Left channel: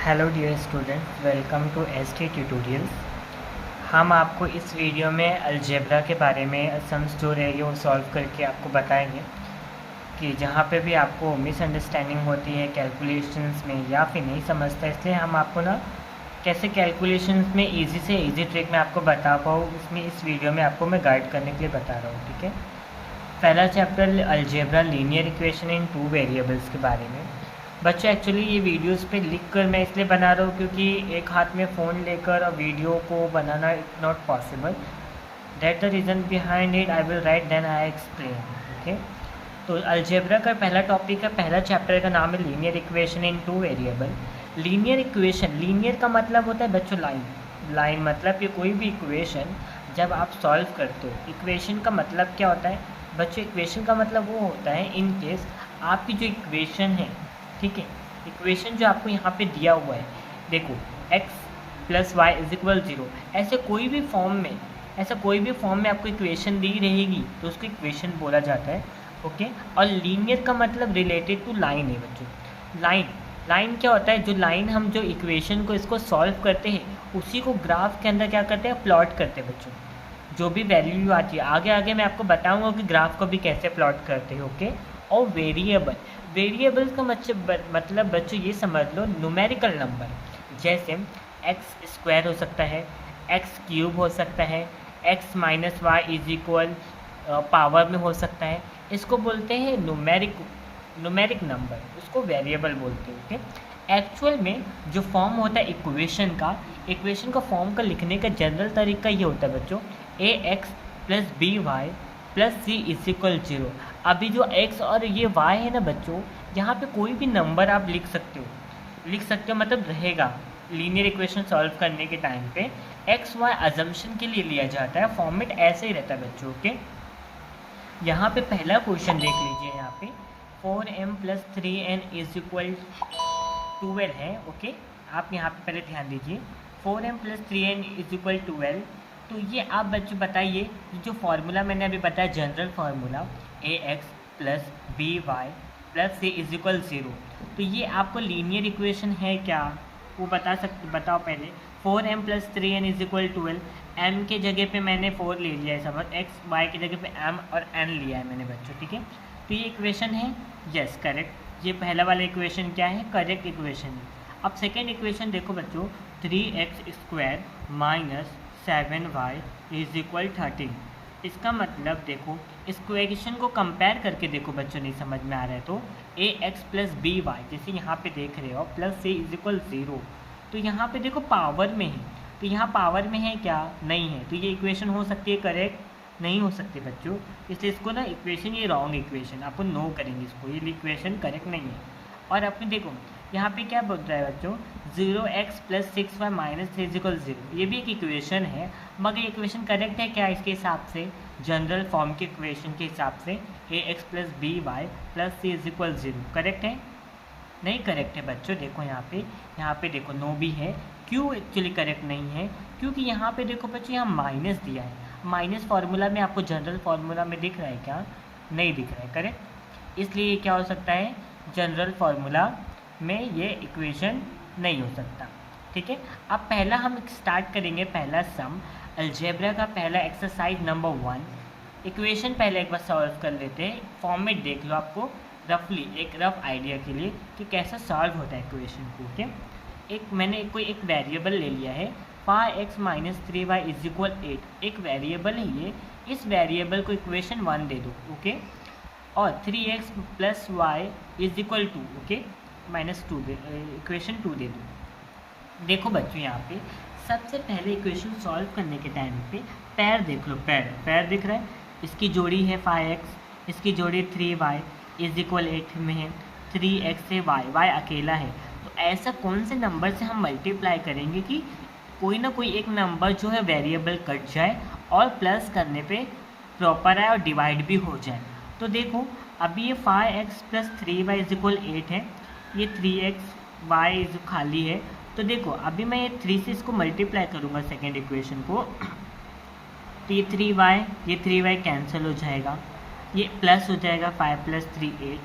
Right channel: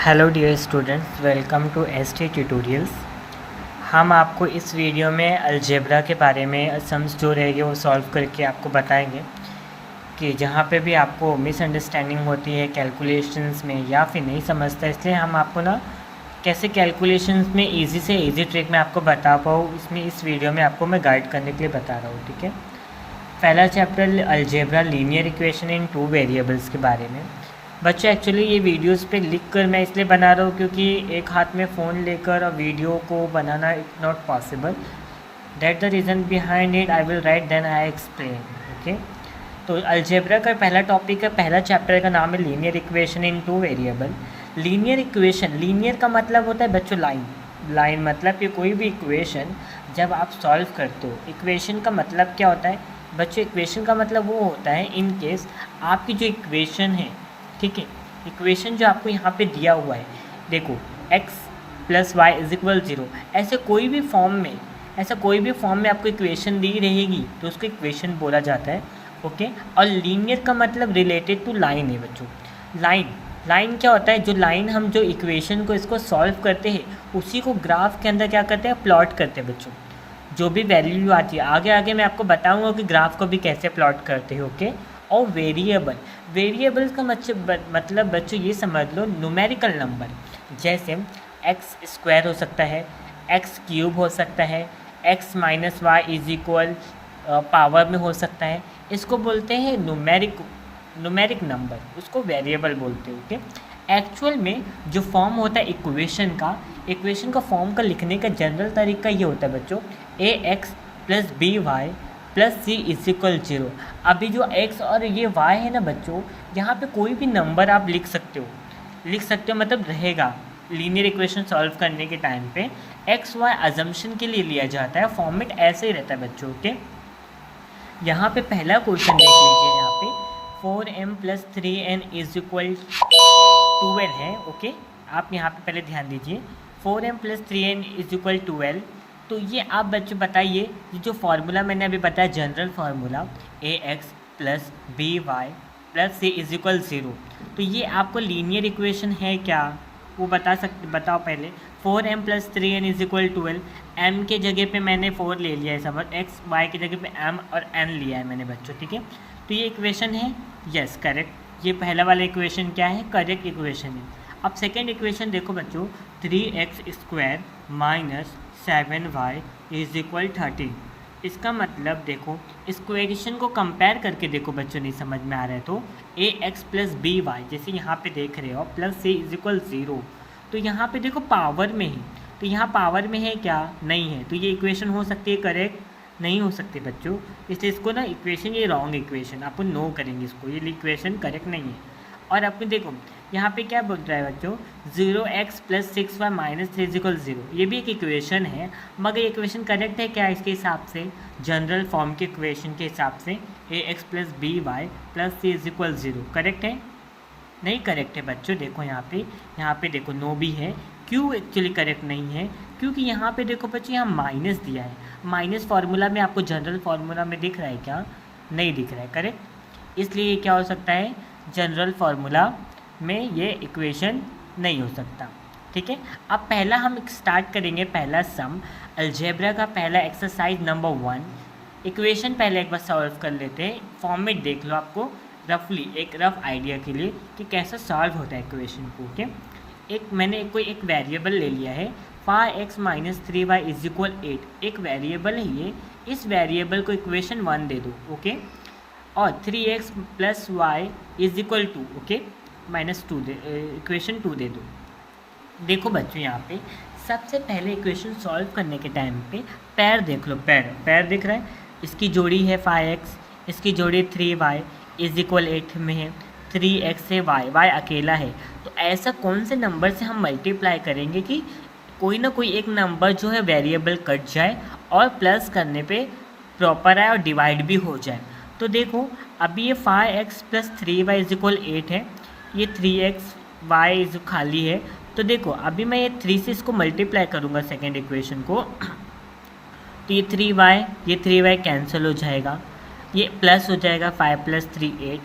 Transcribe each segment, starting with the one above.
Hello dear students, welcome to ST tutorials. हम आपको इस वीडियो में अलजेब्रा के बारे में सम्स जो रहेंगे वो सॉल्व करके आपको बताएंगे कि जहाँ पे भी आपको मिसअंडरस्टैंडिंग होती है कैलकुलेशंस में या फिर नहीं समझता, इसलिए हम आपको ना कैसे कैलकुलेशंस में इजी से इजी ट्रिक में आपको बता पाऊँ, इसमें इस वीडियो में आपको मैं गाइड करने के लिए बता रहा हूँ। ठीक है, पहला chapter algebra linear equation in two variables के बारे में। बच्चों एक्चुअली ये वीडियोस पे लिख कर मैं इसलिए बना रहा हूँ क्योंकि एक हाथ में फ़ोन लेकर और वीडियो को बनाना it not possible. That the reason behind it I will write then I explain. Okay, तो अलजेब्रा का पहला टॉपिक है, पहला चैप्टर का नाम है linear equation in two variable. Linear equation, linear का मतलब होता है बच्चों लाइन। लाइन मतलब कि कोई भी इक्वेशन जब आप सॉल्व करते हो, इक्वेशन का मतलब क्या होता है बच्चों? इक्वेशन का मतलब वो होता है इन केस आपकी जो इक्वेशन है, ठीक है, इक्वेशन जो आपको यहाँ पे दिया हुआ है, देखो x plus y is equal 0, ऐसे कोई भी फॉर्म में आपको इक्वेशन दी रहेगी तो उसको इक्वेशन बोला जाता है। ओके, और लीनियर का मतलब रिलेटेड टू लाइन है बच्चों। लाइन क्या होता है? जो लाइन हम जो इक्वेशन को इसको सॉल्व करते हैं उसी को ग्राफ के अंदर क्या करते हैं, प्लॉट करते हैं बच्चों। जो भी वैल्यू आती है आगे मैं आपको बताऊंगा कि ग्राफ को भी कैसे प्लॉट करते हैं। ओके, और वेरिएबल्स का मतलब बच्चों ये समझ लो न्यूमेरिकल नंबर, जैसे एक्स स्क्वायर हो सकता है, एक्स क्यूब हो सकता है, x minus y is equal power में हो सकता है, इसको बोलते हैं न्यूमेरिक नंबर, उसको वेरिएबल बोलते हैं। ओके, एक्चुअल में जो फॉर्म होता है इक्वेशन का फॉर्म का लिखने का जनरल तरीका ये होता है बच्चों, a x plus b y plus c is equal 0। अभी जो x और ये y है ना बच्चों, यहाँ पे कोई भी नंबर आप लिख सकते हो मतलब रहेगा। लीनियर इक्वेशन सॉल्व करने के टाइम पे x y अजम्पशन के लिए लिया जाता है, फॉर्मेट ऐसे ही रहता है बच्चों। ओके, यहाँ पे पहला क्वेश्चन देख लीजिए, यहाँ पे 4m plus 3n is equal 12 है। ओके, आप यहाँ पे पहले ध्यान दीजिए, 4m plus 3n is equal 12। तो ये आप बच्चों बताइए, जो फार्मूला मैंने अभी बताया general formula a x plus b y plus c is equal 0, तो ये आपको लीनियर इक्वेशन है क्या? वो बताओ पहले। 4m plus 3n is equal 12, m के जगह पे मैंने 4 ले लिया है, समझ, x y की जगह पे m और n लिया है मैंने बच्चों। ठीक है, तो ये इक्वेशन है, यस करेक्ट। ये पहला वाला इक्वेशन क्या है? करेक्ट इक्वेशन है। अब सेकेंड इक्वेशन देखो बच्चों, 3x square minus 7y is equal 13। इसका मतलब देखो, इस इक्वेशन को कंपेयर करके देखो बच्चों, नहीं समझ में आ रहा है तो ए एक्स प्लस बी वाई, जैसे यहाँ पे देख रहे हो, प्लस सी इज इक्वल 0, तो यहाँ पे देखो पावर में है, तो यहाँ पावर में है क्या? नहीं है, तो ये इक्वेशन हो सकती है करेक्ट? नहीं हो सकती बच्चों, इसलिए इसको ना इक्वेशन ये रॉन्ग इक्वेशन, अपन नो करेंगे इसको, ये इक्वेशन करेक्ट नहीं है। और अपने देखो यहाँ पे क्या बोल रहा है बच्चों, 0x plus 6y minus 3 is equal 0, ये भी एक इक्वेशन है, मगर ये इक्वेशन करेक्ट है क्या इसके हिसाब से? जनरल फॉर्म के इक्वेशन के हिसाब से a x plus b y plus c is equal 0 correct है? नहीं करेक्ट है बच्चों। देखो यहाँ पे देखो नो भी है, क्यों एक्चुअली करेक्ट नहीं है? क्योंकि यहाँ पे देखो बच्चों, यहाँ माइनस दिया है, माइनस फार्मूला में आपको जनरल फार्मूला में दिख रहा है क्या? नहीं दिख रहा है, करेक्ट। इसलिए क्या हो सकता है, जनरल फार्मूला में ये इक्वेशन नहीं हो सकता। ठीक है, अब पहला हम स्टार्ट करेंगे, पहला सम अलजेब्रा का पहला एक्सरसाइज नंबर 1। इक्वेशन पहले एक बार सॉल्व कर लेते हैं, फॉर्मेट देख लो आपको रफली, एक रफ आइडिया के लिए कि कैसा सॉल्व होता है इक्वेशन को। ओके, मैंने एक वेरिएबल ले लिया है, 5x minus 3y is equal 8, एक वेरिएबल है ये, इस वेरिएबल को इक्वेशन 1 दे दो। ओके, और 3x plus y is equal 2, okay, minus 2 दे, इक्वेशन 2 दे दो। देखो बच्चों, यहाँ पे सबसे पहले इक्वेशन सॉल्व करने के टाइम पे पैर देख लो, पैर दिख रहा है, इसकी जोड़ी है 5x, इसकी जोड़ी 3y इज इक्वल 8 में है, 3x से y अकेला है, तो ऐसा कौन से नंबर से हम मल्टीप्लाई करेंगे कि कोई ना कोई एक नंबर जो है वेरिएबल कट जाए और प्लस करने पे प्रॉपर आए और डिवाइड भी हो जाए। तो देखो अभी ये 5x plus 3y is equal 8 है, ये 3x y इज खाली है, तो देखो अभी मैं ये 3 से इसको मल्टीप्लाई करूँगा सेकेंड इक्वेशन को, तो ये 3y कैंसिल हो जाएगा, ये प्लस हो जाएगा, 5 प्लस 3 8,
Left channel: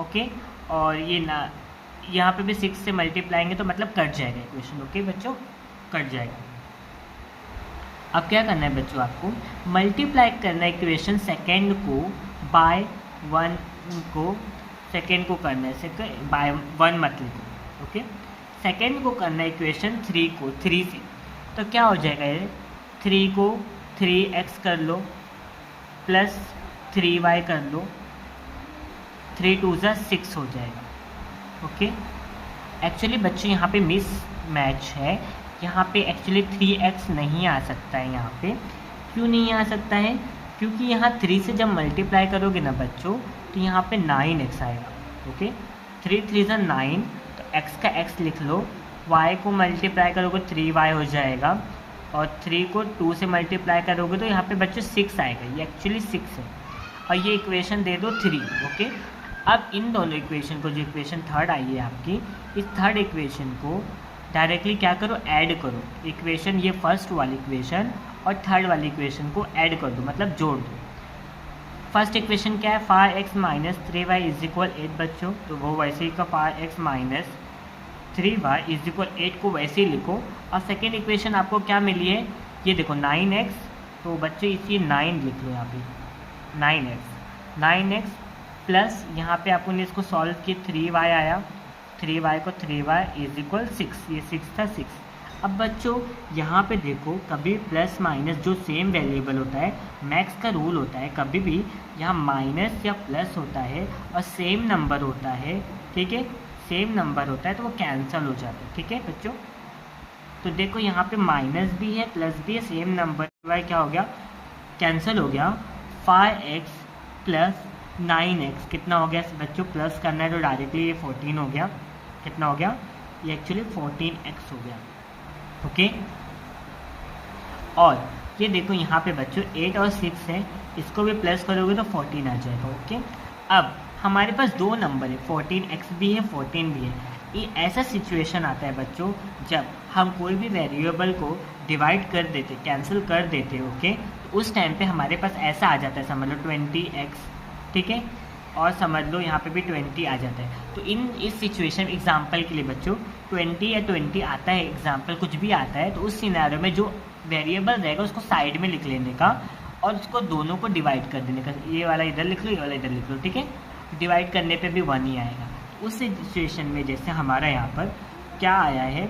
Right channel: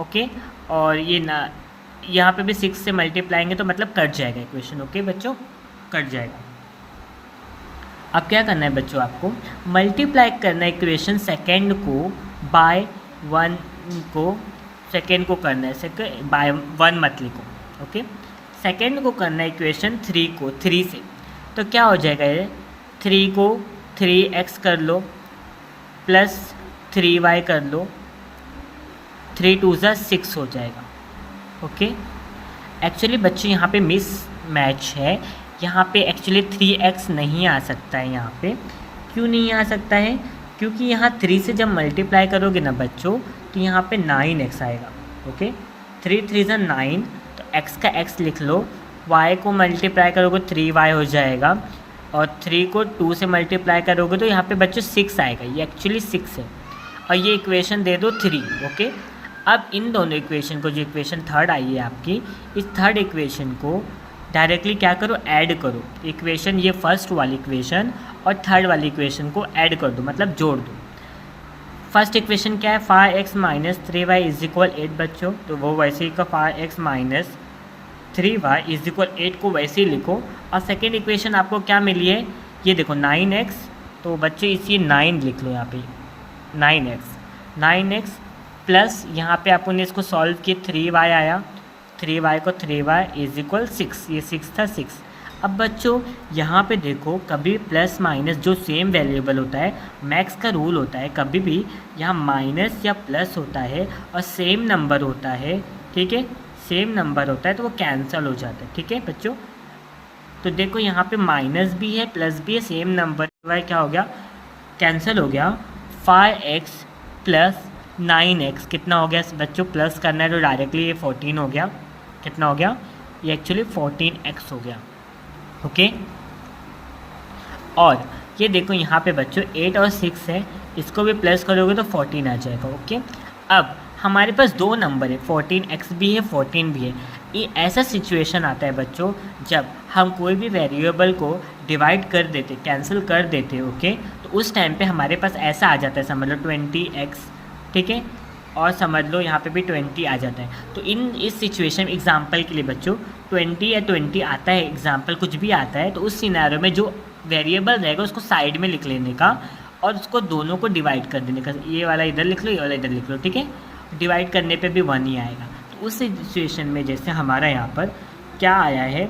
ओके, और ये ना यहाँ पे भी 6 से मल्टीप्लाएंगे तो मतलब कट जाएगा इक्वेशन। ओके बच्चों, कट जाएगा। अब क्या करना है बच्चों, आपको मल्टीप्लाई करना है इक्वेशन सेकेंड को बाय 1 को, सेकेंड को करना है, सेकेंड बाय 1 मत लिखो। ओके, सेकेंड को करना है इक्वेशन 3 को 3 से। तो क्या हो जाएगा ये, 3 को 3x कर लो प्लस 3y कर लो, 3 2 ज़ा 6 हो जाएगा। ओके, एक्चुअली बच्चों यहाँ पे मिस मैच है, यहाँ पे एक्चुअली 3x नहीं आ सकता है। यहाँ पे क्यों नहीं आ सकता है, क्योंकि यहाँ 3 से जब मल्टीप्लाई करोगे ना बच्चों तो यहाँ पे 9x आएगा। ओके, 3 3 ज़ा 9, तो x का x लिख लो, y को मल्टीप्लाई करोगे 3y हो जाएगा, और 3 को 2 से मल्टीप्लाई करोगे तो यहाँ पे बच्चों 6 आएगा। ये एक्चुअली 6 है, और ये इक्वेशन दे दो 3। ओके, अब इन दोनों इक्वेशन को, जो इक्वेशन थर्ड आई है आपकी, इस थर्ड इक्वेशन को डायरेक्टली क्या करो, ऐड करो। इक्वेशन ये फर्स्ट वाली इक्वेशन और थर्ड वाली इक्वेशन को ऐड कर दो, मतलब जोड़ दो। फर्स्ट इक्वेशन क्या है, 5x minus 3y is equal 8 बच्चों, तो वो वैसे ही का 5x minus 3y is equal 8 को वैसे ही लिखो। और सेकेंड इक्वेशन आपको क्या मिली है, ये देखो 9x, तो बच्चों इसी 9 लिख लो यहाँ पे, 9x प्लस यहाँ पे आपको ने इसको सॉल्व किया 3y आया, 3y को 3y इज इक्वल 6, ये 6 था 6। अब बच्चों यहाँ पे देखो, कभी प्लस माइनस जो सेम वेरिएबल होता है, मैक्स का रूल होता है, कभी भी यहाँ माइनस या प्लस होता है और सेम नंबर होता है, ठीक है, सेम नंबर होता है तो वो कैंसिल हो जाता है। ठीक है बच्चों, तो देखो यहाँ पे माइनस भी है प्लस भी है, सेम नंबर, वाई क्या हो गया, कैंसिल हो गया। 5x प्लस 9x कितना हो गया बच्चों, प्लस करना है तो डायरेक्टली ये 14 हो गया। कितना हो गया, ये एक्चुअली 14x हो गया। ओके, और ये देखो यहाँ पे बच्चों 8 और 6 है, इसको भी प्लस करोगे तो 14 आ जाएगा। ओके, अब हमारे पास दो नंबर है, 14x भी है 14 भी है। ये ऐसा सिचुएशन आता है बच्चों जब हम कोई भी वेरिएबल को डिवाइड कर देते, कैंसिल कर देते। ओके, तो उस टाइम पे हमारे पास ऐसा आ जाता है, समझ लो 20x, ठीक है, और समझ लो यहाँ पे भी 20 आ जाता है। तो इस सिचुएशन एग्जांपल के लिए बच्चों 20 या 20 आता है, एग्जांपल कुछ भी आता है, तो उस सिनेरियो में जो वेरिएबल रहेगा उसको साइड में लिख लेने का और उसको दोनों को डिवाइड कर देने का। ये वाला इधर लिख लो, ये वाला इधर लिख लो, ठीक है, डिवाइड करने पे भी 1 ही आएगा। तो उस सिचुएशन में जैसे हमारा यहाँ पर क्या आया है,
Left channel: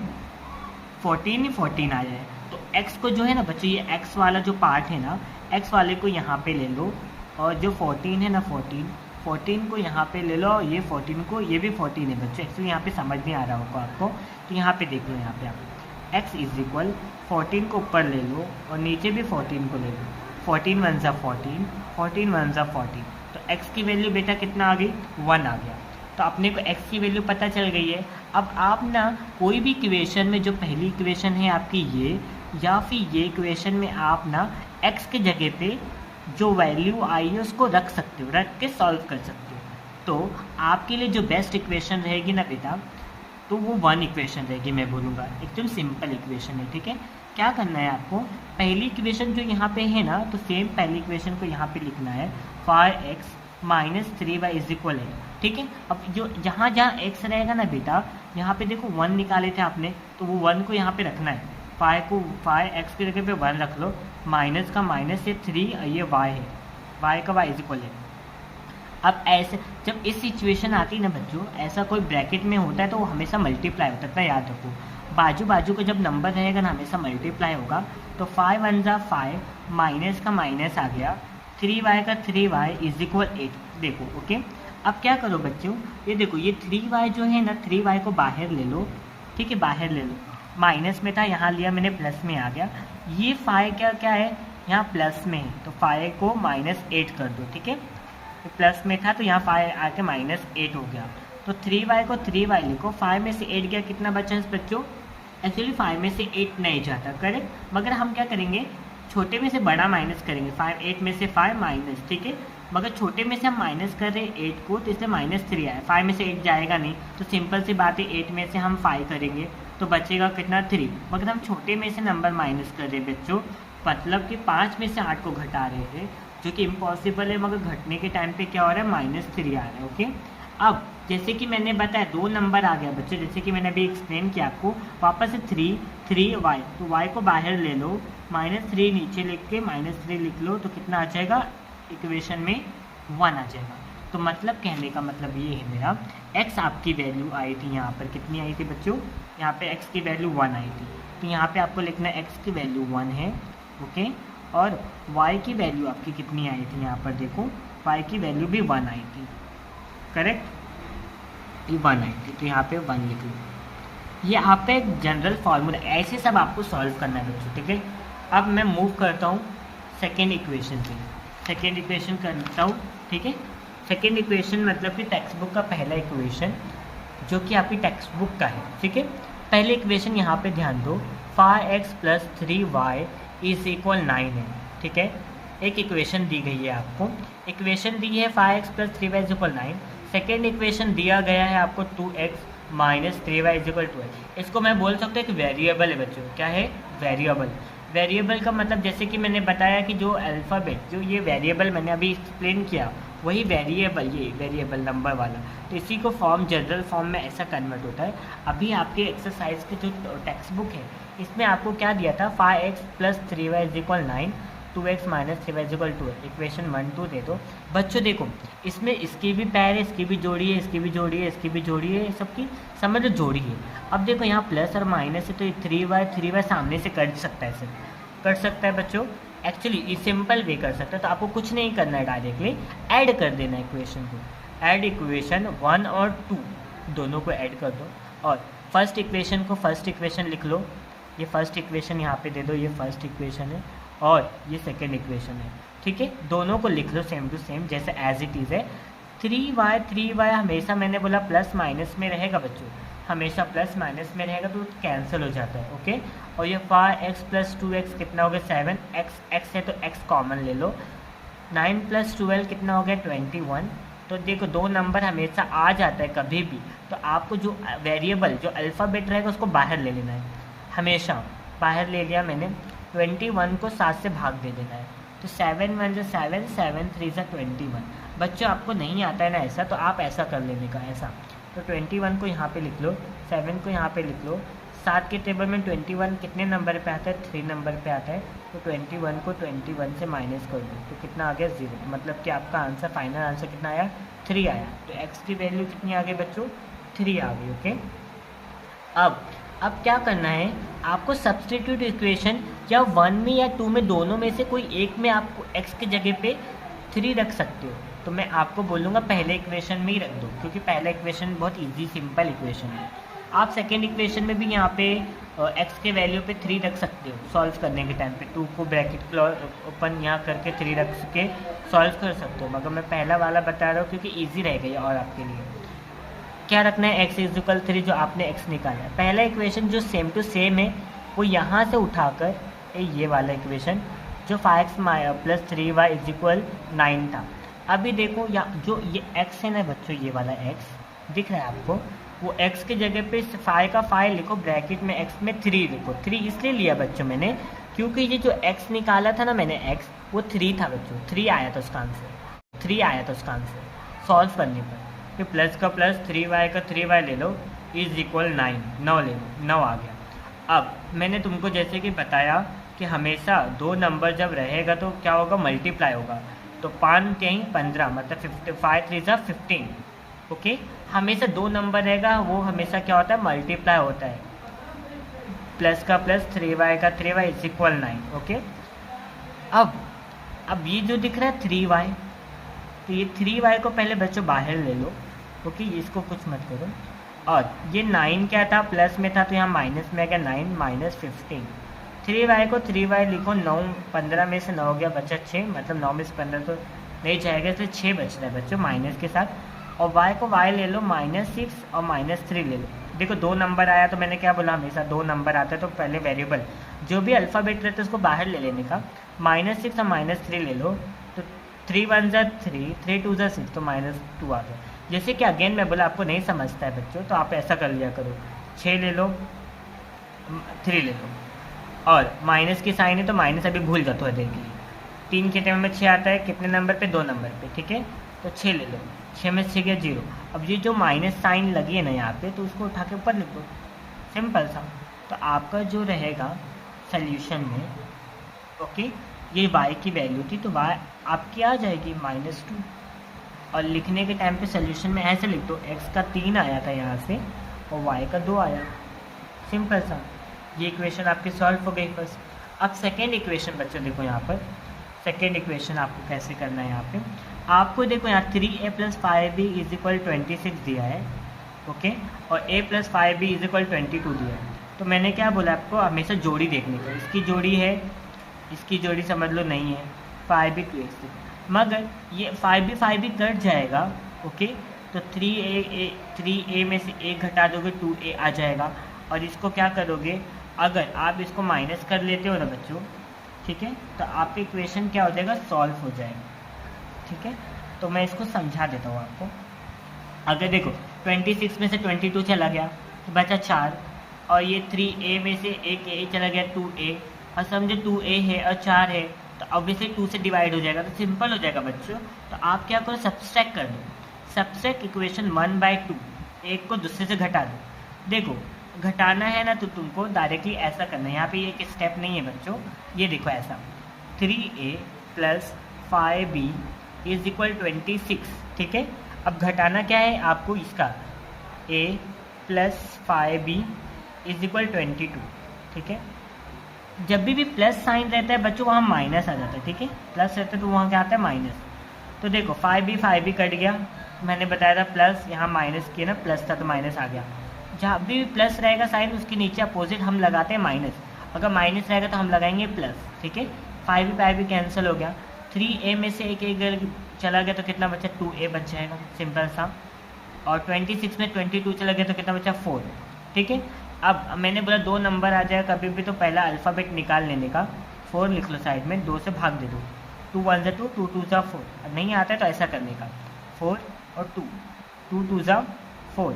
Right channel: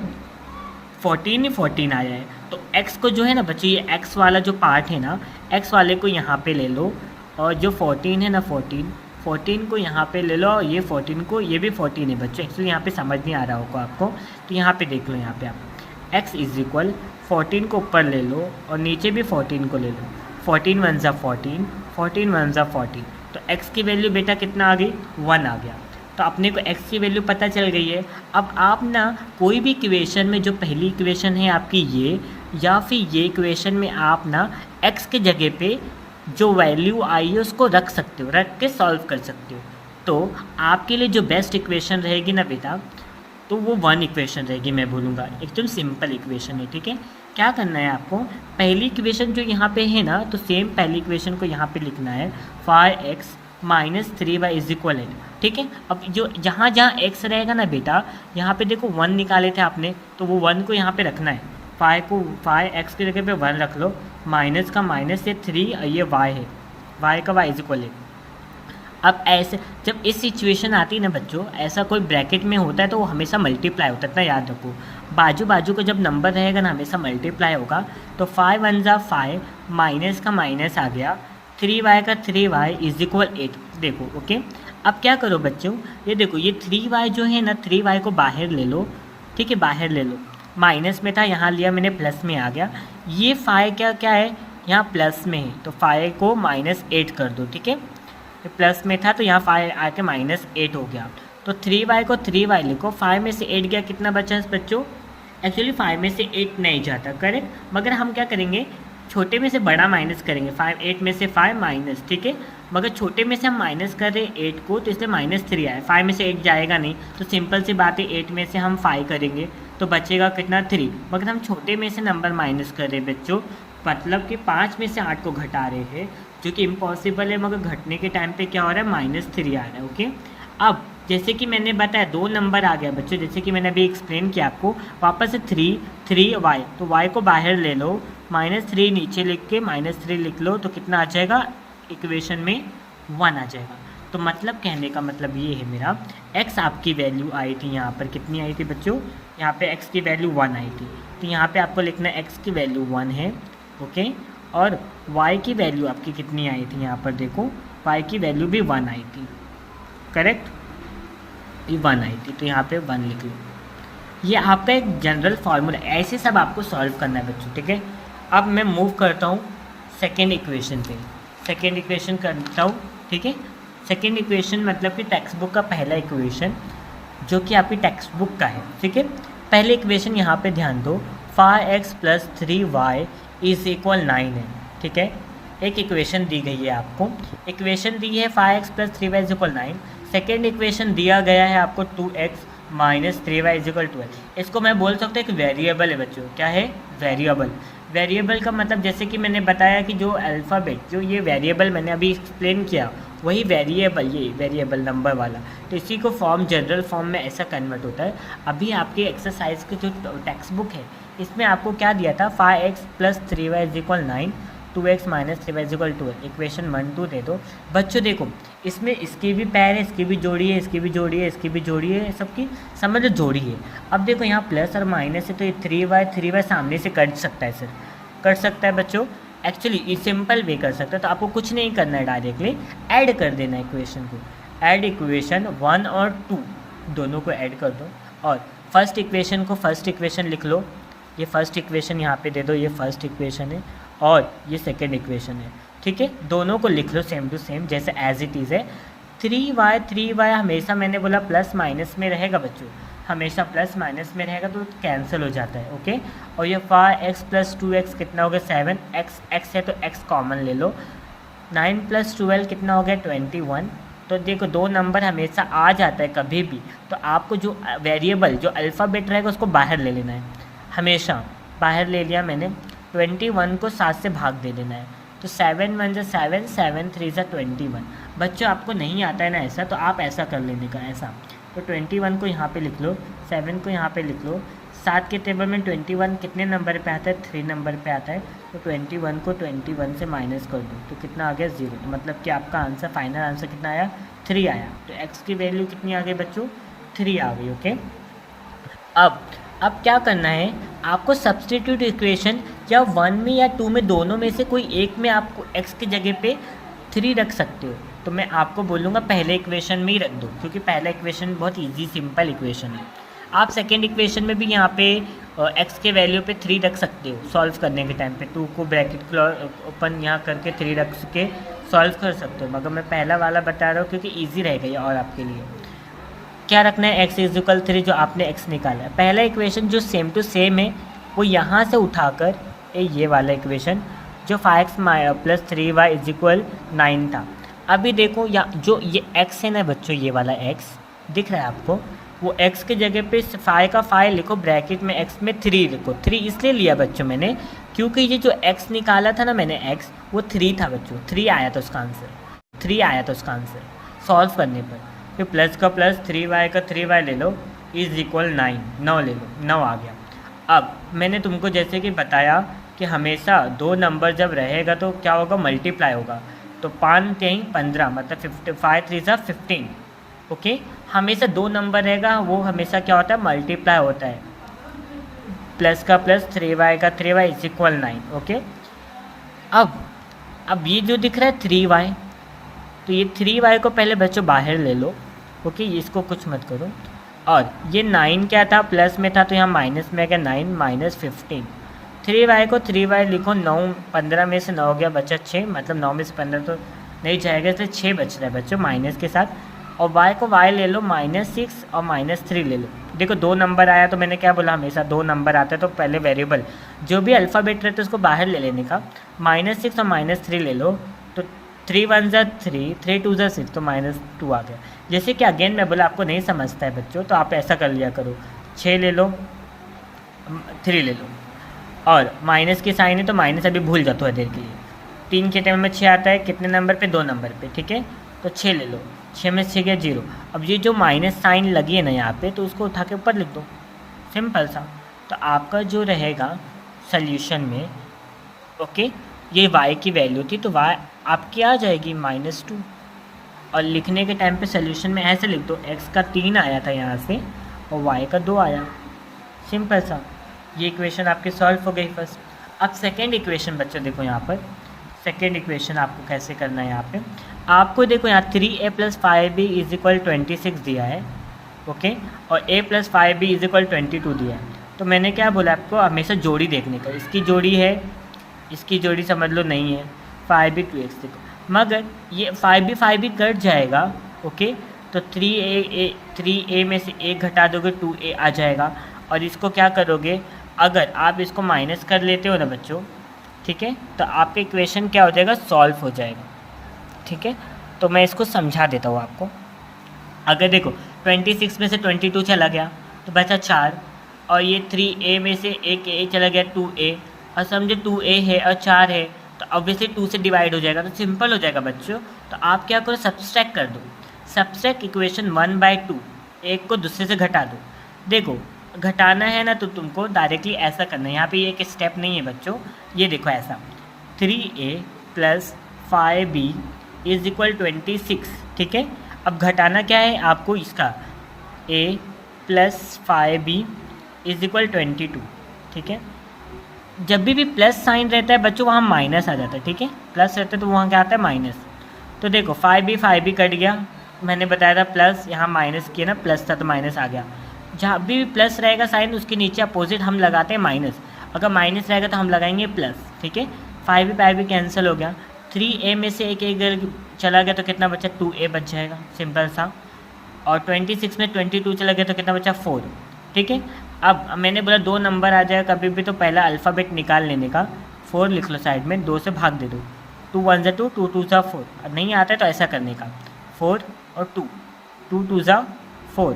14 आया है, तो x को जो है ना बच्चों, ये x वाला जो पार्ट है ना, x वाले को यहाँ पे ले लो, और जो 14 है ना 14 को यहाँ पे ले लो, और ये 14 को, ये भी 14 है बच्चों। एक्चुअली यहाँ पे समझ नहीं आ रहा होगा आपको, तो यहाँ पे देख लो, यहाँ पे आप x इज इक्वल 14 को ऊपर ले लो और नीचे भी 14 को ले लो, 14 1 ज़ा 14, 14 1 ज़ा 14, तो x की वैल्यू बेटा कितना आ गई, 1 आ गया। तो अपने को x की वैल्यू पता चल गई है। अब आप ना कोई भी इक्वेशन में, जो पहली इक्वेशन है आपकी ये, या फिर ये इक्वेशन में आप ना x के जगह पे जो वैल्यू आई है उसको रख सकते हो, रख के सॉल्व कर सकते हो। तो आपके लिए जो बेस्ट इक्वेशन रहेगी ना बेटा, तो वो 1 इक्वेशन रहेगी, मैं बोलूँगा एकदम सिंपल इक्वेशन है। ठीक है, क्या करना है आपको, पहली इक्वेशन जो यहाँ पे है ना, तो सेम पहली इक्वेशन को यहाँ पे लिखना है, 5x minus 3y is equal 8। ठीक है, अब जो जहाँ x रहेगा ना बेटा, यहाँ पे देखो 1 निकाले थे आपने, तो वो 1 को यहाँ पे रखना है, 5x की जगह पे 1 रख लो, माइनस का माइनस से 3, ये y है, y का y इज इक्वल 8। अब ऐसे जब इस सिचुएशन आती है ना बच्चों, ऐसा कोई ब्रैकेट में होता है तो वो हमेशा मल्टीप्लाई होता है, इतना याद रखो। बाजू बाजू का जब नंबर रहेगा ना हमेशा मल्टीप्लाई होगा। तो 5 1 ज़ा 5, माइनस का माइनस आ गया, 3y का 3y इज इक्वल 8। देखो ओके, अब क्या करो बच्चों, ये देखो ये 3y जो है ना, 3y को बाहर ले लो, ठीक है, बाहर ले लो, माइनस में था, यहाँ लिया मैंने, प्लस में आ गया। ये 5 क्या है, यहाँ प्लस में है, तो 5 को -8 कर दो, ठीक है, तो प्लस में था तो यहाँ 5 आके -8 हो गया। तो 3y को 3y लिखो, 5 में से 8 गया, कितना बचा है बच्चों, एक्चुअली 5 में से 8 नहीं जाता, करेक्ट, मगर हम क्या करेंगे, छोटे में से बड़ा माइनस करेंगे, 8 में से 5 माइनस, ठीक है, मगर छोटे में से हम माइनस कर रहे हैं 8 को, तो इसलिए -3 आया, 5 में से 8 जाएगा नहीं, तो सिंपल सी बात है 8 में से हम 5 करेंगे तो बचेगा कितना, 3, मगर हम छोटे में से नंबर माइनस कर रहे हैं बच्चों, मतलब कि 5 में से 8 को घटा रहे हैं, जो कि इम्पॉसिबल है, मगर घटने के टाइम पे क्या हो रहा है, -3 आ रहा है। ओके, अब जैसे कि मैंने बताया 2 नंबर आ गया बच्चों, जैसे कि मैंने अभी एक्सप्लेन किया आपको, वापस से 3 तो y को बाहर ले लो, -3 नीचे लिख के -3 लिख लो, तो कितना आ जाएगा इक्वेशन में 1 आ जाएगा। तो मतलब कहने का मतलब ये है मेरा, x आपकी वैल्यू आई थी यहाँ पर, कितनी आई थी बच्चों, यहाँ पे x की वैल्यू 1 आई थी, तो यहाँ पे आपको लिखना है x की वैल्यू 1 है, ओके। और y की वैल्यू आपकी कितनी आई थी, यहाँ पर देखो y की वैल्यू भी 1 आई थी, करेक्ट, ये 1 आई थी, तो यहाँ पे 1 लिख लो। ये आपका एक जनरल फार्मूला, ऐसे सब आपको सॉल्व करना है बच्चों, ठीक है। अब मैं मूव करता हूँ सेकेंड इक्वेशन पे, सेकेंड इक्वेशन करता हूँ, ठीक है। सेकेंड इक्वेशन मतलब कि टेक्स्ट बुक का पहला इक्वेशन, जो कि आपकी टेक्स्ट बुक का है, ठीक है। पहले इक्वेशन यहाँ पे ध्यान दो, 5x + 3y = 9 है, ठीक है। एक इक्वेशन दी गई है आपको, इक्वेशन दी है 5x + 3y = 9। सेकेंड इक्वेशन दिया गया है आपको 2x - 3y = 12। इसको मैं बोल सकता हूँ कि वेरिएबल है बच्चों, क्या है, वेरिएबल। वेरिएबल का मतलब जैसे कि मैंने बताया कि जो अल्फ़ाबेट, जो ये वेरिएबल मैंने अभी एक्सप्लेन किया, वही वेरिएबल, ये वेरिएबल नंबर वाला, तो इसी को फॉर्म, जनरल फॉर्म में ऐसा कन्वर्ट होता है। अभी आपकी एक्सरसाइज की जो टेक्स्ट बुक है, इसमें आपको क्या दिया था, 5x + 3y = 9, 2x - 3y = 12, equation 1 2 दे दो बच्चों। देखो इसमें इसकी भी पैर है, इसकी भी जोड़ी है, इसकी भी जोड़ी है, इसकी भी जोड़ी है, सबकी समझ जोड़ी है। अब देखो यहाँ प्लस और माइनस है, तो ये 3y सामने से कट सकता है, सर कट सकता है बच्चों, एक्चुअली ये सिंपल वे कर सकता है। तो आपको कुछ नहीं करना है, डायरेक्टली ऐड कर देना है इक्वेशन को, ऐड इक्वेशन 1 और 2 दोनों को ऐड कर दो, और फर्स्ट इक्वेशन को फर्स्ट इक्वेशन लिख लो, ये फर्स्ट इक्वेशन यहाँ पे दे दो, ये फर्स्ट इक्वेशन है, और ये सेकेंड इक्वेशन है, ठीक है। दोनों को लिख लो सेम टू सेम, जैसे एज इट इज़ है। 3y हमेशा मैंने बोला प्लस माइनस में रहेगा बच्चों, हमेशा प्लस माइनस में रहेगा, तो कैंसिल हो जाता है, ओके। और ये 5x + 2x कितना हो गया, 7x है तो x कॉमन ले लो, 9 + 12 कितना हो गया, 21। तो देखो 2 नंबर हमेशा आ जाता है कभी भी, तो आपको जो वेरिएबल, जो अल्फ़ाबेट रहेगा उसको बाहर ले लेना है, हमेशा बाहर ले लिया मैंने। 21 को 7 से भाग दे देना है, तो 7 1 = 7, 7 3 = 21। बच्चों आपको नहीं आता है ना ऐसा, तो आप ऐसा कर लेने का, ऐसा। तो 21 को यहाँ पे लिख लो, 7 को यहाँ पे लिख लो, 7 के टेबल में 21 कितने नंबर पे आता है, 3 नंबर पे आता है, तो 21 को 21 से माइनस कर दो, तो कितना आ गया, 0। तो मतलब कि आपका आंसर, फाइनल आंसर कितना आया, 3 आया। तो x की वैल्यू कितनी आ गई बच्चों, 3 आ गई, ओके। अब क्या करना है आपको, सब्स्टिट्यूट इक्वेशन या 1 में या 2 में, दोनों में से कोई एक में आपको x की जगह पे 3 रख सकते हो। तो मैं आपको बोलूँगा पहले इक्वेशन में ही रख दो, क्योंकि पहला इक्वेशन बहुत इजी सिंपल इक्वेशन है। आप सेकेंड इक्वेशन में भी यहाँ पे x के वैल्यू पे 3 रख सकते हो, सॉल्व करने के टाइम पे 2 को ब्रैकेट ओपन यहाँ करके 3 रख के सॉल्व कर सकते हो, मगर मैं पहला वाला बता रहा हूँ क्योंकि ईजी रहेगा ये और आपके लिए। क्या रखना है, x = 3, जो आपने x निकाला है। पहला इक्वेशन जो सेम टू सेम है, वो यहाँ से उठाकर ये वाला इक्वेशन जो 5x + 3y = 9 था। अभी देखो या जो ये x है ना बच्चों, ये वाला x दिख रहा है आपको, वो x की जगह पे 5 का 5 लिखो, ब्रैकेट में x में 3 लिखो। 3 इसलिए लिया बच्चों मैंने, क्योंकि ये जो x निकाला था ना मैंने, x वो 3 था बच्चों, 3 आया था उसका आंसर, 3 आया था उसका आंसर सॉल्व करने पर। तो प्लस का प्लस, 3y का 3y ले लो, = 9, 9 ले लो, 9 आ गया। अब मैंने तुमको जैसे कि बताया कि हमेशा 2 नंबर जब रहेगा तो क्या होगा, मल्टीप्लाई होगा। तो 5 3 15 मतलब 5 3 = 15, ओके। हमेशा 2 नंबर रहेगा, वो हमेशा क्या होता है, मल्टीप्लाई होता है। प्लस का प्लस, 3y का 3y = 9, ओके। अब ये जो दिख रहा है 3y, तो ये 3y को पहले बच्चों बाहर ले लो, ओके, इसको कुछ मत करो। और ये 9 क्या था, प्लस में था, तो यहाँ माइनस में आ गया, 9 - 15। 3y को 3y लिखो, 9 15 में से 9 हो गया, बचा 6, मतलब 9 में से 15 तो नहीं जाएगा, इसलिए 6 बच रहा है बच्चों माइनस के साथ। और y को y ले लो, -6 और -3 ले लो। देखो 2 नंबर आया, तो मैंने क्या बोला, हमेशा 2 नंबर आता है तो पहले वेरिएबल जो भी अल्फ़ाबेट रहता है उसको बाहर ले लेने का। -6 और -3 ले लो, तो 3 1 = 3, 3 2 = 6, तो -2 आ गया। जैसे कि अगेन मैं बोला आपको नहीं समझता है बच्चों, तो आप ऐसा कर लिया करो, 6 ले लो, 3 ले लो, और माइनस की साइन है तो माइनस अभी भूल जाता है देर के लिए। 3 के टाइम में 6 आता है, कितने नंबर पे, 2 नंबर पे, ठीक है। तो 6 ले लो, 6 में 6 गया 0। अब ये जो माइनस साइन लगी है ना यहाँ पे, तो उसको उठा के ऊपर लिख दो, सिंपल सा। तो आपका जो रहेगा सल्यूशन में, ओके, ये y की वैल्यू थी तो y आपकी आ जाएगी -2। और लिखने के टाइम पे सल्यूशन में ऐसे लिख दो, x का 3 आया था यहाँ से और y का 2 आया, सिंपल सा। ये इक्वेशन आपकी सॉल्व हो गई फर्स्ट। अब सेकेंड इक्वेशन बच्चों देखो यहाँ पर, सेकेंड इक्वेशन आपको कैसे करना है। यहाँ पे आपको देखो यहाँ 3a + 5b = 26 दिया है, ओके, और a + 5b = 22 दिया है। तो मैंने क्या बोला आपको, हमेशा जोड़ी देखने का, इसकी जोड़ी है, इसकी जोड़ी समझ लो नहीं है, 5b 2x देखो, मगर ये 5b कट जाएगा, ओके, तो 3a में से 1 घटा दोगे 2a आ जाएगा। और इसको क्या करोगे, अगर आप इसको माइनस कर लेते हो ना बच्चों, ठीक है, तो आपका इक्वेशन क्या हो जाएगा, सॉल्व हो जाएगा, ठीक है। तो मैं इसको समझा देता हूँ आपको। अगर देखो 26 में से 22 चला गया तो बचा 4, और ये 3a में से एक a चला गया 2a, और समझे 2a है और 4 है, तो ऑब्वियसली 2 से डिवाइड हो जाएगा, तो सिंपल हो जाएगा बच्चों। तो आप क्या करो, सब्सट्रैक्ट कर दो, सब्सट्रैक्ट इक्वेशन 1/2, एक को दूसरे से घटा दो। देखो घटाना है ना तो तुमको डायरेक्टली ऐसा करना है, यहाँ पे एक स्टेप नहीं है बच्चों, ये देखो ऐसा 3a + 5b = 26, ठीक है। अब घटाना क्या है आपको, इसका a + 5b = 22, ठीक है। जब भी प्लस साइन रहता है बच्चों वहाँ माइनस आ जाता है, ठीक है, प्लस रहता है तो वहाँ क्या आता है, माइनस। तो देखो 5b कट गया, मैंने बताया था प्लस, यहाँ माइनस किया ना, प्लस था तो माइनस आ गया। जहाँ भी प्लस रहेगा साइन उसके नीचे अपोजिट हम लगाते हैं माइनस, अगर माइनस रहेगा तो हम लगाएंगे प्लस, ठीक है। 5b कैंसिल हो गया, 3a में से एक चला गया तो कितना बचा, 2a बच जाएगा, सिंपल सा। और 26 में 22 चला गया तो कितना बचा, 4, ठीक है। अब मैंने बोला 2 नंबर आ जाए कभी भी तो पहला अल्फ़ाबेट निकाल लेने का, 4 लिख लो साइड में, 2 से भाग दे दो, 2 1 ज़ा 2, 2 2 ज़ा 4, और नहीं आता है तो ऐसा करने का, 4 और 2, 2 2 ज़ा 4,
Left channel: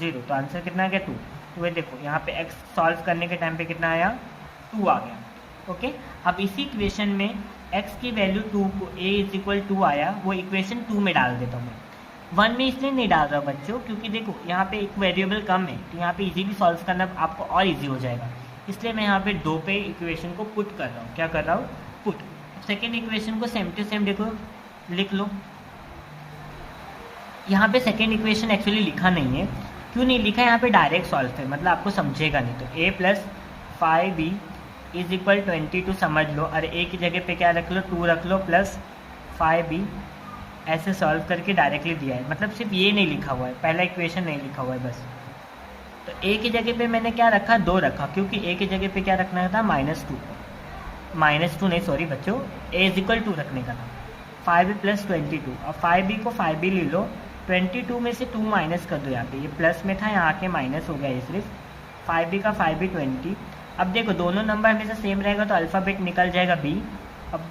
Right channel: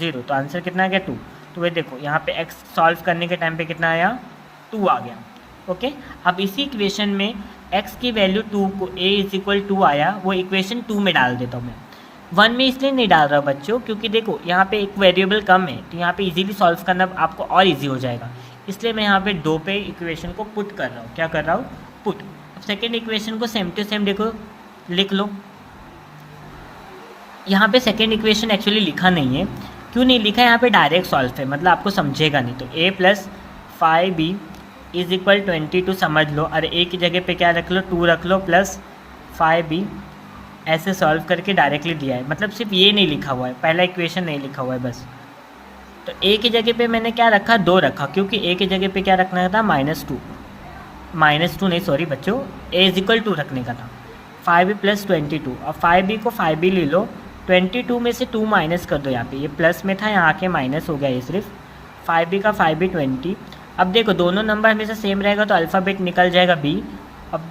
0, तो आंसर कितना आ गया, 2। तो ये देखो यहाँ पे x सॉल्व करने के टाइम पे कितना आया, 2 आ गया, ओके। अब इसी इक्वेशन में x की वैल्यू 2 को a = 2 आया, वो इक्वेशन 2 में डाल देता हूँ मैं। 1 में इसलिए नहीं डाल रहा बच्चों क्योंकि देखो यहाँ पे एक वेरिएबल कम है, तो यहाँ पे इजीली सॉल्व करना आपको और इजी हो जाएगा, इसलिए मैं यहाँ पे 2 पे इक्वेशन को पुट कर रहा हूँ। क्या कर रहा हूँ, पुट। सेकेंड इक्वेशन को सेम टू सेम देखो लिख लो। यहाँ पे सेकेंड इक्वेशन एक्चुअली लिखा नहीं है, क्यों नहीं लिखा है, यहाँ पे डायरेक्ट सॉल्व है, मतलब आपको समझेगा नहीं। तो a + 5b = 22 समझ लो, और a की जगह पे क्या रख लो, 2 रख लो, प्लस 5b, ऐसे सॉल्व करके डायरेक्टली दिया है, मतलब सिर्फ ये नहीं लिखा हुआ है, पहला इक्वेशन नहीं लिखा हुआ है बस। तो a की जगह पे मैंने क्या रखा, 2 रखा, क्योंकि a की जगह पे क्या रखना था, -2 नहीं सॉरी बच्चों, a = 2 रखने का था। 5b + 22, और 5b को 5b ले लो, 22 में से 2 माइनस कर दो, यहाँ पे ये प्लस में था, यहाँ आके माइनस हो गया, ये सिर्फ 5b का 5b 20। अब देखो दोनों नंबर हमेशा सेम रहेगा तो अल्फ़ाबेट निकल जाएगा b। अब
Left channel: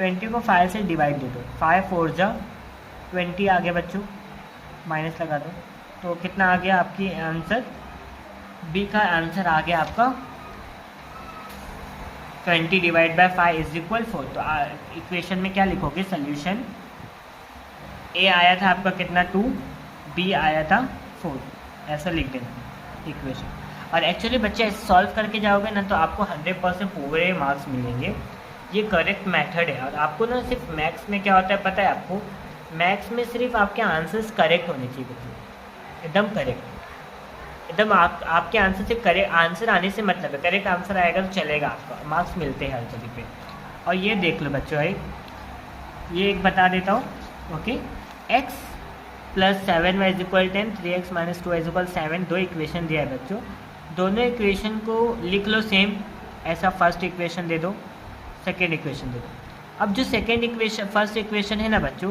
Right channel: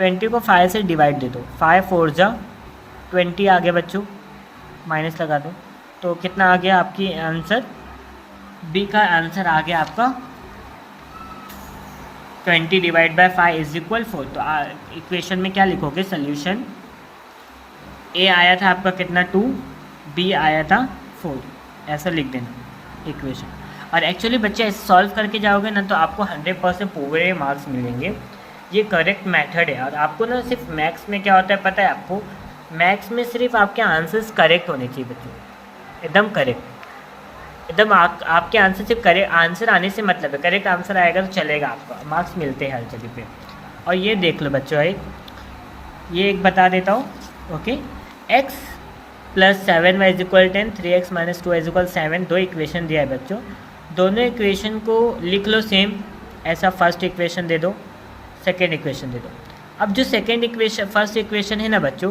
20 को 5 से डिवाइड दे दो, 5 4 ज़ा 20 आ गया बच्चों, माइनस लगा दो, तो कितना आ गया आपकी आंसर, बी का आंसर आ गया आपका 20 / 5 = 4। तो इक्वेशन में क्या लिखोगे, सॉल्यूशन ए आया था आपका कितना, 2, बी आया था 4, ऐसा लिख देना इक्वेशन। और एक्चुअली बच्चे सॉल्व करके जाओगे ना तो आपको 100% पूरे मार्क्स मिलेंगे, ये करेक्ट मेथड है। और आपको ना सिर्फ मैथ्स में क्या होता है पता है आपको, मैथ्स में सिर्फ आपके आंसर्स करेक्ट होने चाहिए बच्चे, एकदम करेक्ट, एकदम आपके आंसर सिर्फ करेक्ट आंसर आने से मतलब है, करेक्ट आंसर आएगा तो चलेगा, आपको मार्क्स मिलते हैं हर जगह पे। और ये देख लो बच्चों, ये एक बता देता हूँ, okay, x + 7y = 10, 3x - 2y = 7, 2 equation दिया है बच्चों, दोनों इक्वेशन को लिख लो सेम, ऐसा फर्स्ट इक्वेशन दे दो, सेकेंड इक्वेशन दे दो। अब जो सेकेंड इक्वेशन फर्स्ट इक्वेशन है ना बच्चों,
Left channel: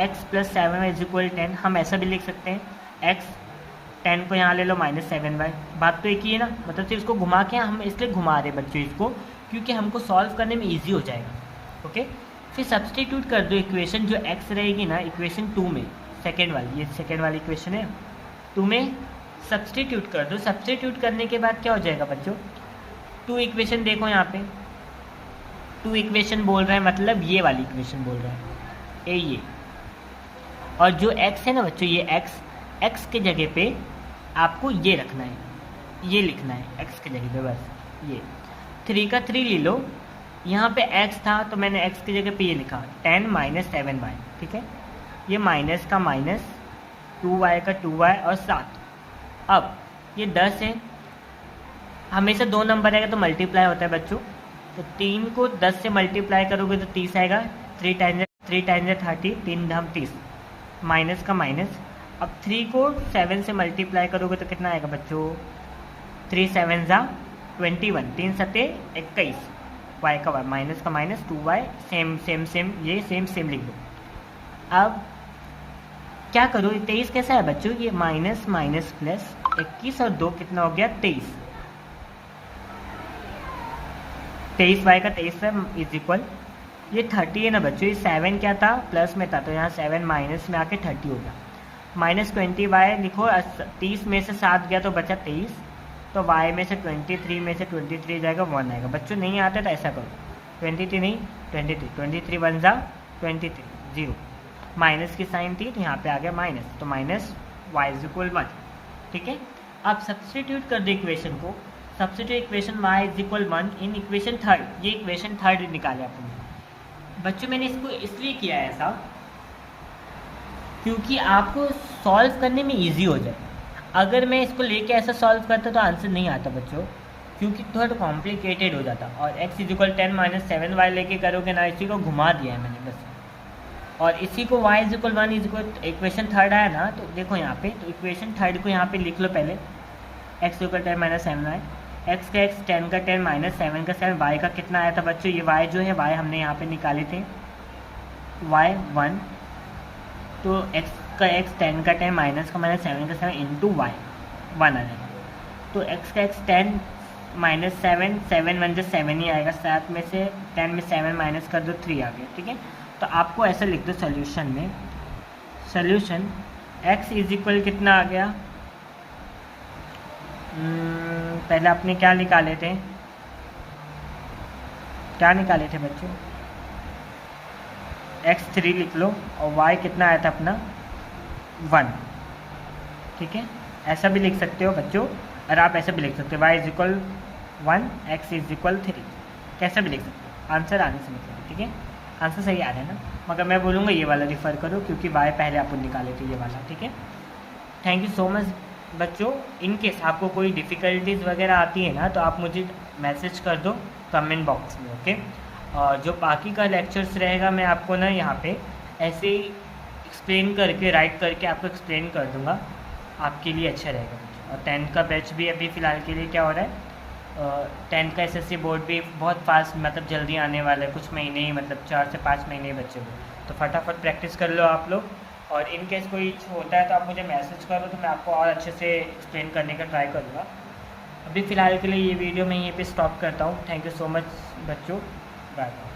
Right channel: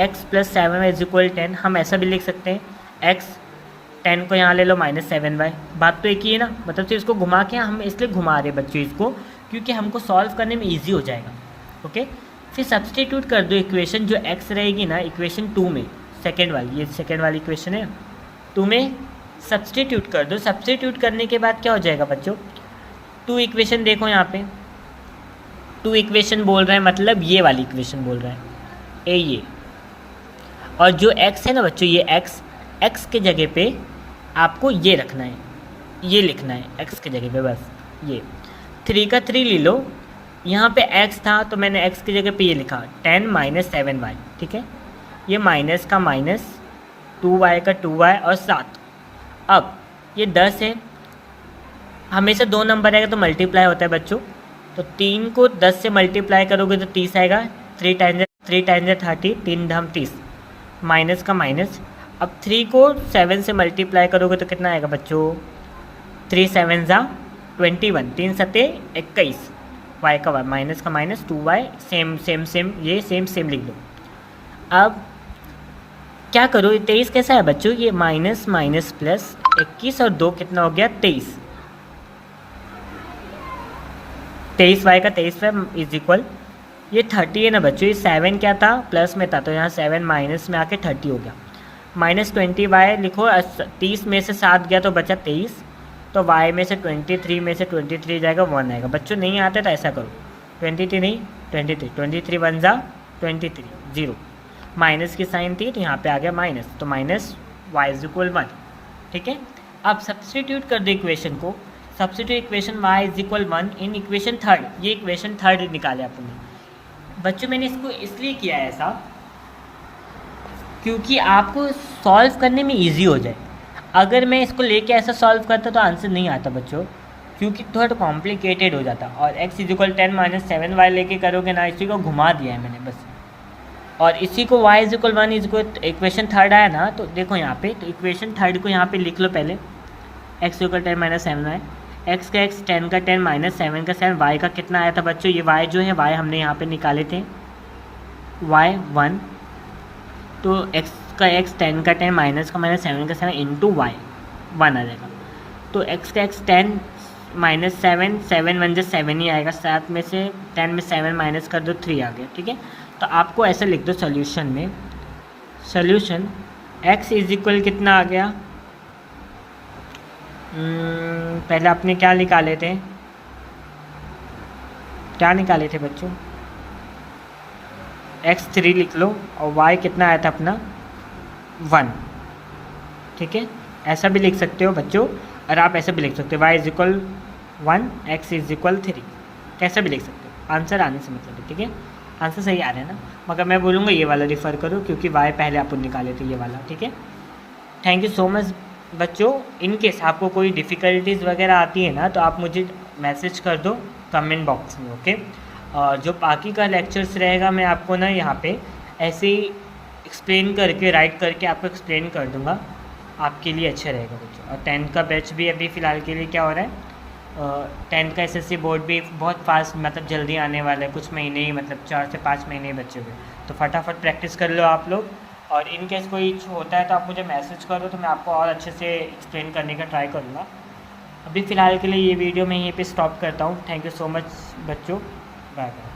x + 7y = 10, हम ऐसा भी लिख सकते हैं, x 10 को यहाँ ले लो, -7y, बात तो एक ही है ना, मतलब सिर्फ इसको घुमा के हम इसलिए घुमा रहे बच्चों इसको क्योंकि हमको सॉल्व करने में ईजी हो जाएगा, ओके। फिर सब्सटीट्यूट कर दो इक्वेशन, जो x रहेगी ना इक्वेशन 2 में, सेकेंड वाली, ये सेकेंड वाली इक्वेशन है 2 में, सब्सटीट्यूट कर दो। सब्सटीट्यूट करने के बाद क्या हो जाएगा बच्चों, 2 इक्वेशन देखो यहाँ पे, 2 इक्वेशन बोल रहा है मतलब ये वाली इक्वेशन बोल रहा है, ए ये, और जो x है ना बच्चों, ये x के जगह पे आपको ये रखना है, ये लिखना है x के जगह पे बस। ये 3 का 3 ले लो, यहाँ पे x था तो मैंने x की जगह पे ये लिखा 10 - 7y, ठीक है। ये माइनस का माइनस, 2y का 2y और 7। अब ये 10 है, हमेशा 2 नंबर आएगा तो मल्टीप्लाई होता है बच्चों, तो 3 को 10 से मल्टीप्लाई करोगे तो 30 आएगा। 3 टाइम्स 30, 3 धाम 30, माइनस का माइनस। अब 3 को 7 से मल्टीप्लाई करोगे तो कितना आएगा बच्चों, 3 7 जा 21, 3 सते 21, y का y, माइनस का minus 2y, same same same, ये सेम सेम लिख दो। अब क्या करो, 23 कैसा है बच्चों, ये माइनस माइनस प्लस 21 और 2 कितना हो गया 23, 23y का 23y इज इक्वल, ये 30 है ना बच्चों, ये 7 क्या था प्लस में था तो यहाँ 7 माइनस में आके 30 हो गया। माइनस 20y लिखो, 30 में से 7 गया तो बचा 23, तो y में से 23 में से 23 जाएगा 1 आएगा। बच्चों नहीं आते तो ऐसा करो, 23 नहीं 23 1 जा 23, 0, माइनस की साइन थी तो यहाँ पे आ गया माइनस, तो माइनस y इज इक्वल 1, ठीक है। अब सब्सटीट्यूट कर दो इक्वेशन को, substitute equation y is equal 1 in equation third, ये इक्वेशन थर्ड निकाले आपने। बच्चों मैंने इसको इसलिए किया है ऐसा क्योंकि आपको सॉल्व करने में इजी हो जाए। अगर मैं इसको लेके ऐसा सॉल्व करता तो आंसर नहीं आता बच्चों, क्योंकि थोड़ा कॉम्प्लिकेटेड हो जाता। और x इज इक्वल 10 - 7y लेके करोगे ना, इसी को घुमा दिया है मैंने बस, और इसी को y is equal 1 is equal, equation third आया ना, तो देखो यहाँ पे, तो इक्वेशन थर्ड को यहाँ पे लिख लो पहले, x इक्वल 10 - 7y, x का x 10 का 10 - 7 का 7, y का कितना आया था बच्चों, ये y जो है y हमने यहाँ पे निकाले थे y 1, तो x का x 10 का 10 माइनस का माइनस 7 का 7 इंटू y 1 आ जाएगा। तो x का x 10 - 7, 7 1 जा 7 ही आएगा, 7 में से 10 में 7 माइनस कर दो 3 आ गया, ठीक है। तो आपको ऐसा लिख दो सॉल्यूशन में, सॉल्यूशन x इज इक्वल कितना आ गया, पहले आपने क्या निकाले थे, क्या निकाले थे बच्चों, x 3 लिख लो और y कितना आया था अपना 1, ठीक है। ऐसा भी लिख सकते हो बच्चों, और आप ऐसे भी लिख सकते हो y is equal 1, x is equal 3, कैसे भी लिख सकते हो, आंसर आने से मतलब है, ठीक है। आंसर सही आ रहा है ना, मगर मैं बोलूँगा ये वाला रिफ़र करो क्योंकि y पहले आप निकाले थे, ये वाला, ठीक है। थैंक यू सो मच बच्चों। इन केस आपको कोई डिफ़िकल्टीज़ वगैरह आती है ना, तो आप मुझे मैसेज कर दो कमेंट बॉक्स में, ओके। और जो बाकी का लेक्चर्स रहेगा मैं आपको ना यहाँ पे ऐसे ही एक्सप्लेन करके, राइट करके आपको एक्सप्लेन कर दूँगा, आपके लिए अच्छा रहेगा बच्चों। और 10th का बैच भी अभी फ़िलहाल के लिए क्या हो रहा है, 10th का SSC बोर्ड भी बहुत फास्ट, मतलब जल्दी आने वाला है, कुछ महीने ही, मतलब 4 से 5 महीने ही बचे हुए, तो फटाफट प्रैक्टिस कर लो आप लोग। और इन केस कोई इशू होता है तो आप मुझे मैसेज करो, तो मैं आपको और अच्छे से एक्सप्लेन करने का ट्राई करूँगा। अभी फ़िलहाल के लिए ये वीडियो मैं यहीं पे स्टॉप करता हूँ। थैंक यू सो मच बच्चों, बाय बाय।